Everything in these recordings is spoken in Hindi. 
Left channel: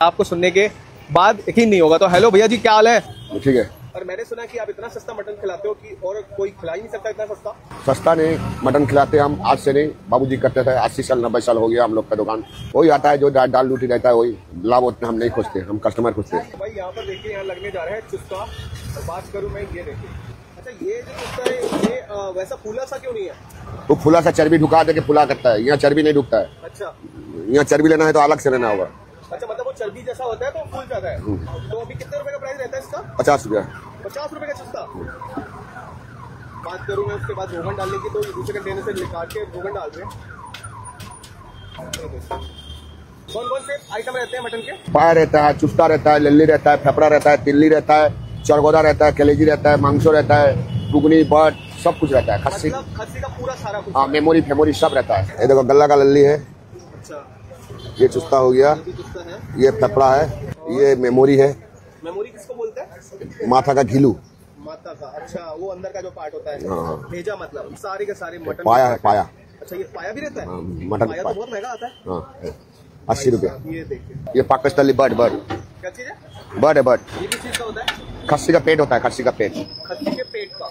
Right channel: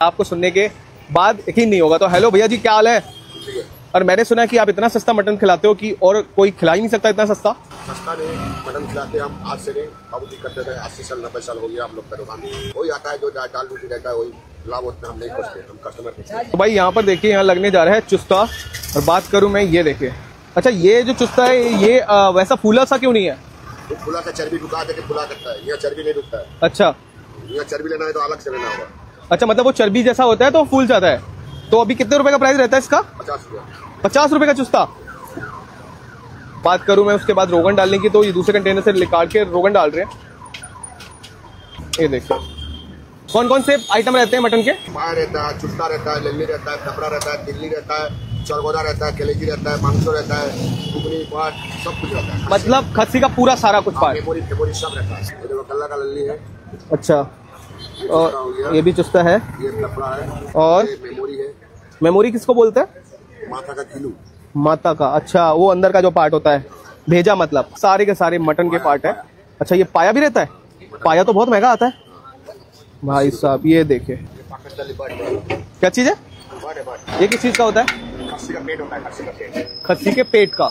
आपको सुनने के बाद यकीन नहीं होगा। तो हेलो भैया जी, क्या हाल है? ठीक है। और मैंने सुना है कि आप इतना सस्ता मटन खिलाते हो कि और कोई खिला ही नहीं सकता इतना सस्ता। सस्ता नहीं, मटन खिलाते हम आज से नहीं, बाबूजी करते थे, 80 साल 90 साल हो गया हम लोग का दुकान। वही आता है जो दाल रोटी रहता है, वही लाभ होता है। हम नहीं खोजते, हम कस्टमर खोजते हैं। तो भाई यहाँ पर देखिए, यहाँ लगने जा रहा है चुस्ता। और बात करूँ मैं, ये देखिए, अच्छा ये जो चुस्ता है ये वैसा फूला सा क्यों नहीं है? वो फूला सा चर्बी ढुका दे के फूला करता है, यहाँ चर्बी नहीं ढुकता है। अच्छा, यहाँ चर्बी लेना है तो अलग से लेना होगा। अच्छा, मतलब वो चर्बी जैसा होता है तो फूल जाता है। तो अभी कितने रुपए का प्राइस रहता है इसका? 50 रुपया। 50 रुपए का चुस्ता। बात करूं मैं उसके बाद रोगन डालने की, तो ये दूसरे कंटेनर से निकाल के रोगन डाल रहे हैं। ये देखो कौन कौन से आइटम रहते हैं मटन के। पाया रहता है, चुस्ता रहता है, लल्ली रहता है, फेफड़ा रहता है, तिल्ली रहता है, चरगोदा रहता है, कलेजी रहता है, मांसो रहता है, घुगनी बट सब कुछ रहता है। मतलब खस्सी का पूरा सारा कुछ। मेमोरी फेमोरी सब रहता है। ये देखो गल्ला का लल्ली है। अच्छा, ये चुस्ता हो गया, ये भी चुस्ता है, ये फेफड़ा है, और ये मेमोरी है। मेमोरी किसको बोलते हैं? माथा का घिलू, माता का। अच्छा, वो अंदर का जो पार्ट होता है, भेजा मतलब सारे के सारे मटन के पार्ट है। अच्छा, ये पाया भी रहता है? पाया तो बहुत महंगा आता है भाई साहब। ये देखिए, ये पाकिस्तानी बट क्या चीज है? बट है बट। ये किस चीज का होता है? खस्सी का पेट होता है, खस्सी का पेट। खस्सी के पेट का।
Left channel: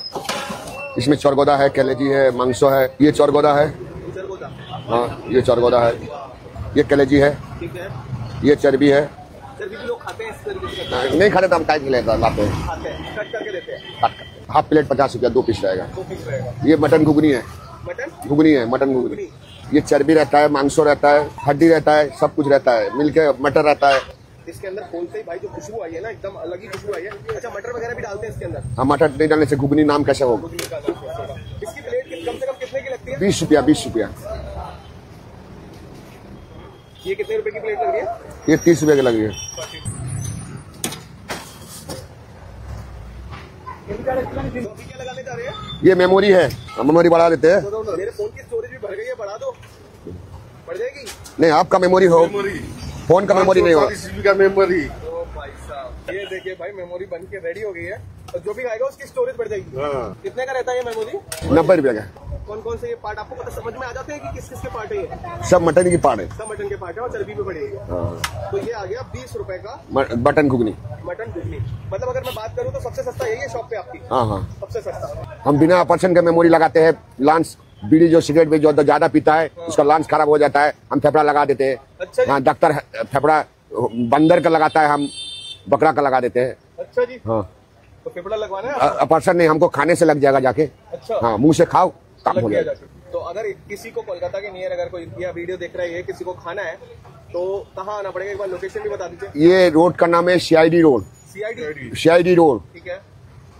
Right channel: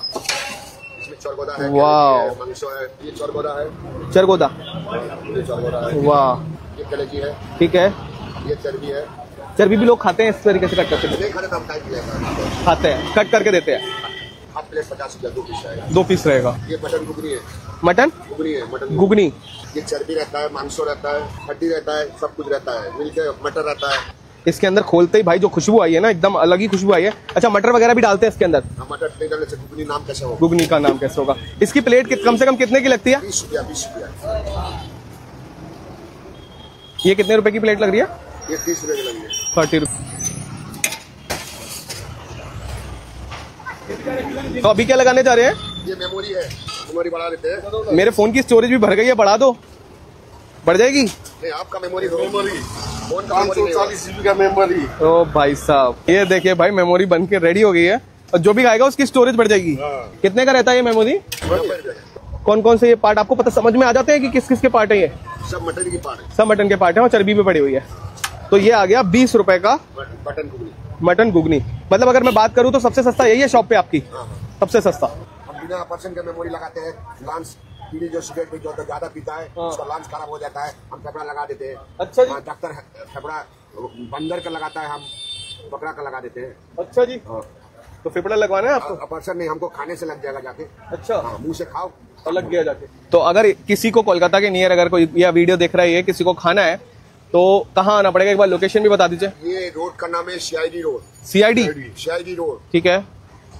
इसमें चरगोदा है, कलेजी है, मांसो है। ये चरगोदा है, चरगोदा। हाँ ये चरगोदा है। वाह। ये कलेजी है, ठीक है। ये चर्बी है। चर्बी भी लोग खाते हैं इस तरीके से कट करके? नहीं खाते तो हम टाइम खिलाते हैं, खाते हैं, कट करके देते हैं। हाफ प्लेट 50 रुपया, 2 पीस रहेगा। 2 पीस रहेगा। ये मटन घुगनी है। मटन घुगनी है, मटन घुगनी। ये चर्बी रहता है, मांसो रहता है, हड्डी रहता है, सब कुछ रहता है, मिलके मटर रहता है। इसके अंदर खोलते ही भाई जो खुशबू आई है ना, एकदम अलग ही खुशबू आई है। अच्छा, मटर वगैरह भी डालते हैं इसके अंदर? हाँ, मटर नहीं डालने से घुगनी नाम कैसे होगा? घुगनी का नाम कैसे होगा? इसकी प्लेट कम से कम कितने की लगती है? 20 रुपया, 20 रुपया। ये कितने रुपए की प्लेट लग रही है? ये 30 रुपये की लगी है। 30 रुपये। तो अभी क्या लगाने जा रहे हैं? ये मेमोरी है, हम मेमोरी बढ़ा लेते हैं। मेरे फोन की स्टोरेज भी भर गई है, बढ़ा दो। बढ़ जाएगी? नहीं, आपका मेमोरी हो, फोन का मेमोरी नहीं हो। 40 GB का मेमोरी। ओ भाई साहब, ये देखिए भाई, मेमोरी बन के रेडी हो गई है। और जो भी खाएगा उसकी स्टोरेज बढ़ जाएगी। कितने का रहता है ये मेमोरी? 90 रुपया का। कौन कौन से ये पार्ट आपको पता समझ में आ जाते हैं कि किस किस के पार्ट है? ये सब मटन की पार्ट है। सब मटन के पार्ट है और चर्बी भी पड़ी हुई है। तो ये आ गया 20 रुपए का मटन घुगनी। मटन घुगनी। मतलब अगर मैं बात करूं तो सबसे सस्ता यही है शॉप पे आपकी? हाँ, सबसे सस्ता। हम बिना ऑपरेशन के मेमोरी लगाते हैं। लांस बीड़ी जो सिगरेट भी जो ज्यादा पीता है उसका लांस खराब हो जाता है, हम फेफड़ा लगा देते हैं। अच्छा हाँ, डॉक्टर फेफड़ा बंदर का लगाता है, हम बकरा का लगा देते हैं। अच्छा जी। हाँ, तो फेफड़ा लगवाना है आपको? ऑपरेशन नहीं, हमको खाने से लग जाएगा जाके। अच्छा, हाँ, मुंह से खाओ, काम लग हो गया जाएगा। जाके। तो अगर किसी को कोलकाता के नियर अगर कोई यह वीडियो देख रहा है, किसी को खाना है तो कहाँ आना पड़ेगा? एक बार लोकेशन भी बता दीजिए। ये रोड का नाम है CID रोड। CID रोड, ठीक है।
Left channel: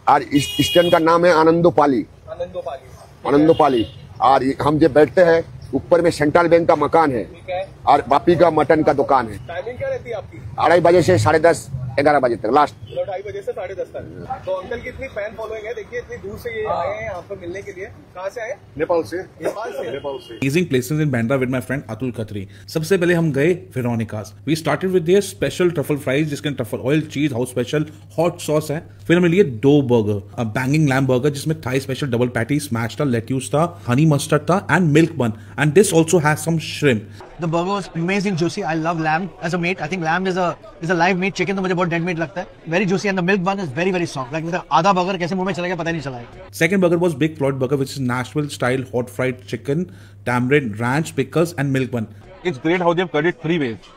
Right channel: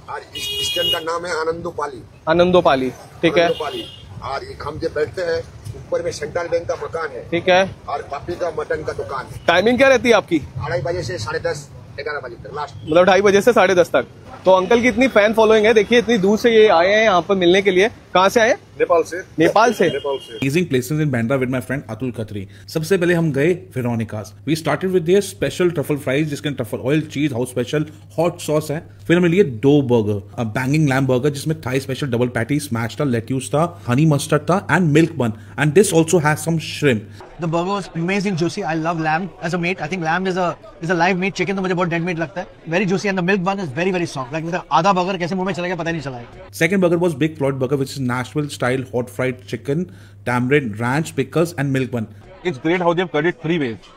और इस स्टैंड का नाम है आनंदोपाली। आनंदोपाली, ठीक है। आनंदोपाली। और हम जब बैठते हैं, ऊपर में सेंट्रल बैंक का मकान है, ठीक है। और बापी का मटन का दुकान है। टाइमिंग क्या रहती है आपकी? 2:30 बजे से 10:30 11 बजे तक लास्ट। मतलब 2:30 बजे से 10:30 तक। तो अंकल की इतनी फैन फॉलोइंग है, देखिए इतनी दूर से ये आए हैं यहाँ पर मिलने के लिए। कहाँ से आए? नेपाल से। नेपाल से। Amazing places in Bandra with my friend Atul Khatri. सबसे पहले हम गए Veronica's. We started with their special truffle fries, जिसके truffle oil, cheese, house special, hot sauce है। फिर हमें लिए 2 burger, a banging lamb burger जिसमें Thai special double patty, smashed था, lettuce था, honey mustard था, and milk bun. And this also has some shrimp. The burger was amazing juicy. I love lamb as a meat. I think lamb is a live meat. Chicken तो मुझे बहुत dead meat लगता है. Very juicy and the milk bun is very very soft. Like आधा burger कैसे मुंह में चला गया पता ही नहीं चला. Second burger was Big Floyd burger, which is Nashville style hot fried chicken, tamarind, ranch, pickles, and milk bun. It's great how they've cut it 3 ways.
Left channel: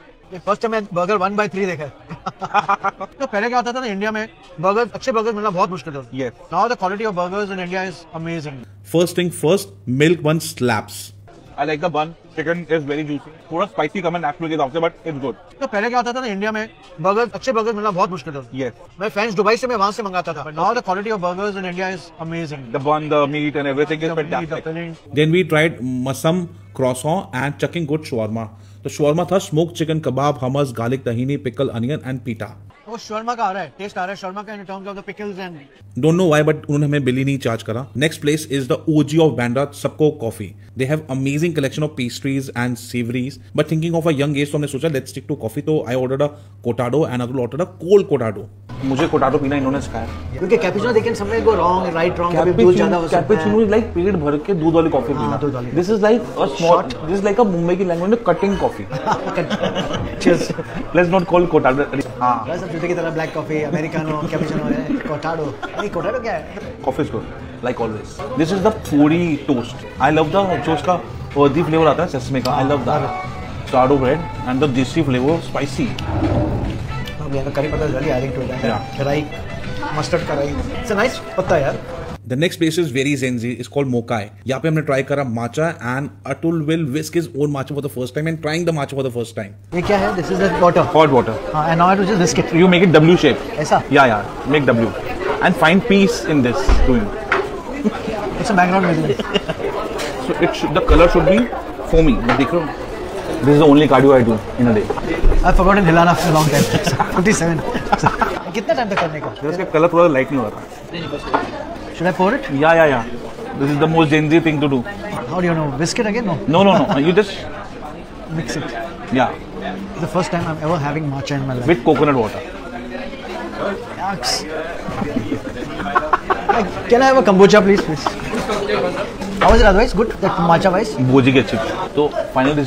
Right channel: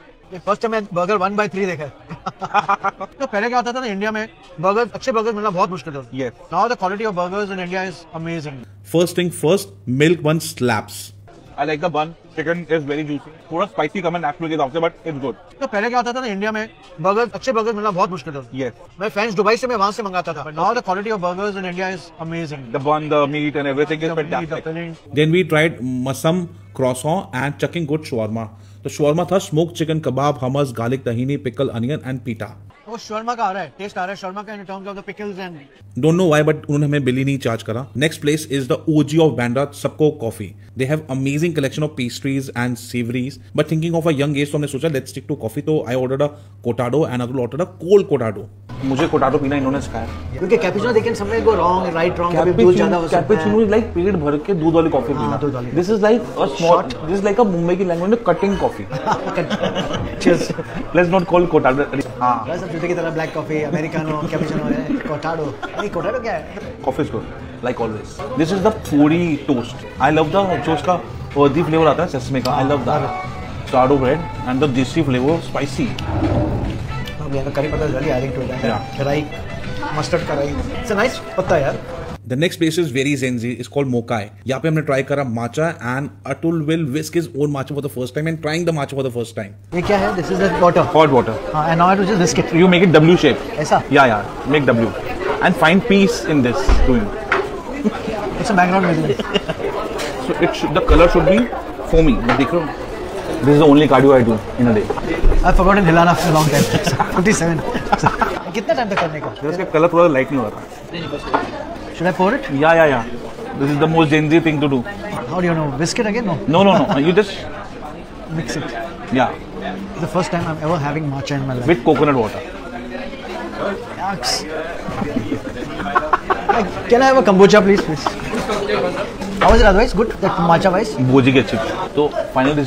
First time मैं बर्गर 1/3 देखा है. तो पहले क्या होता था ना, इंडिया में बर्गर अच्छे बर्गर मिलना बहुत मुश्किल था. Yes. Now the quality of burgers in India is amazing. First thing first, milk bun slaps. I like the bun. Chicken is very juicy. थोड़ा spicy कम है नेशनल के हिसाब से, but it's good. तो पहले क्या होता था ना, इंडिया में बर्गर अच्छे बर्गर मिलना बहुत मुश्किल था. Yes. मैं फ्रेंड्स दुबई से मैं वहां से मंगाता था. Now the quality of burgers in India is amazing. The bun, the meat and everything is The meat, the fantastic. filling. Then we tried masam, croissant, and chucking good shawarma. तो shawarma था smoked chicken kebab, hummus, garlic tahini, pickle, onion, and pita. वो शर्मा का आ रहा है, टेस्ट आ रहा है शर्मा का in terms of the pickles and. Don't know why, but उन्होंने हमें बिल ही नहीं चार्ज करा. Next place is the OG of Bandra, Sabko Coffee. They have amazing collection of pastries and savories. But thinking of a young age, तो हमने सोचा let's stick to coffee. तो I ordered a cortado and Atul ordered a cold cortado. मुझे कोटाडो पीना इन्होंने सिखाया। क्योंकि cappuccino they can somewhere go wrong, right wrong, कभी दूध ज्यादा हो सकता है। कैपुचिनो इज लाइक पेट भर के दूध वाली कॉफी पीना। दूध वाली। This is like a small, this is like a Mumbai की लैंग्वेज में cutting coffee. Cheers. Let's not call cortado. हां, बस अब जूते की तरह ब्लैक कॉफी, अमेरिकानो, कैपुचिनो है, कोटाडो। नहीं, कोटाडो क्या है? Coffee is good like always. This is the पूरी टोस्ट। आई लव द जो उसका अर्दी फ्लेवर आता है सेसमे का। I love that sourdough bread and the desi flavour spicy. We have a curry patta really adding to it. Yeah. Rai, mustard ka rai. It's a nice patta yaar. The next place is very zenzy. It's called Mokai. यहाँ पे हमने try करा matcha and Atul will whisk his own matcha for the first time and trying the matcha for the first time. ये क्या है? This is the water. Hot water. And now I have to just whisk it. You make it W shape. ऐसा? Yeah. Make W. And find peace in this doing. It's a background music. So the color should be foamy. मैं देख रहा हूँ. This is the only cardio I do in a day. I've forgotten Hilana for a long time. 57. कितना टाइम तक करने का? इसका कलर थोड़ा लाइट नहीं हो रहा था. Should I pour it? Yeah. This is the most Gen Z thing to do. How do you know? Whisk it again? No. No. You just Mix it. yeah It's the first time I'm ever having matcha in my life. with coconut water. Yucks. Can I have a kombucha, please? How was it otherwise? Good? That matcha wise? भोजी की अच्छी. तो finally